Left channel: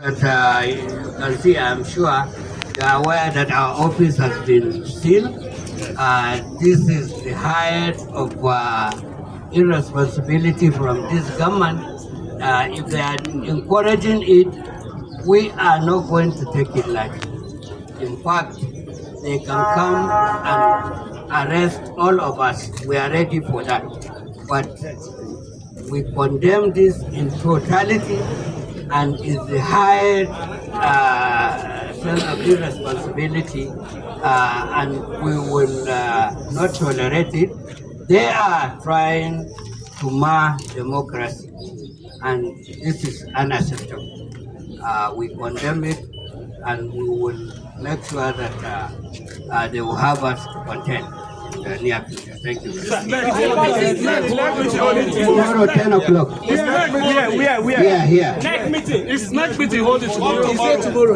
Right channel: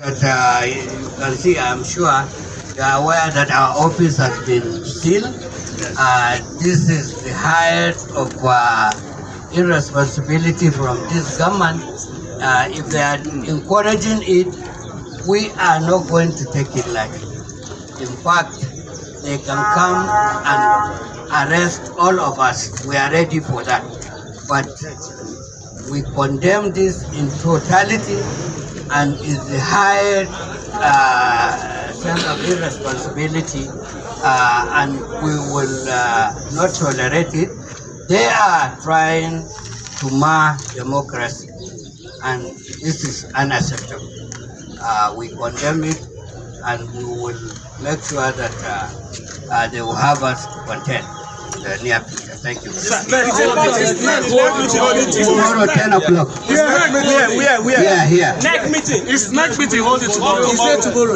That you can see, I'm sure you are aware that our office has been sealed. This is the height of irresponsibility from this government. If they are encouraging it, we are not going to take it lightly. In fact, they can come and arrest all of us. We are ready for that. But we condemn this in totality and is the highest sense of irresponsibility, and we will not tolerate it. They are trying to mar democracy, and this is unacceptable. We condemn it, and we will make sure that they will have us content in the near future. Thank you. Tomorrow, 10 o'clock. Here. Next meeting. It's next meeting. Hold it tomorrow. He said tomorrow.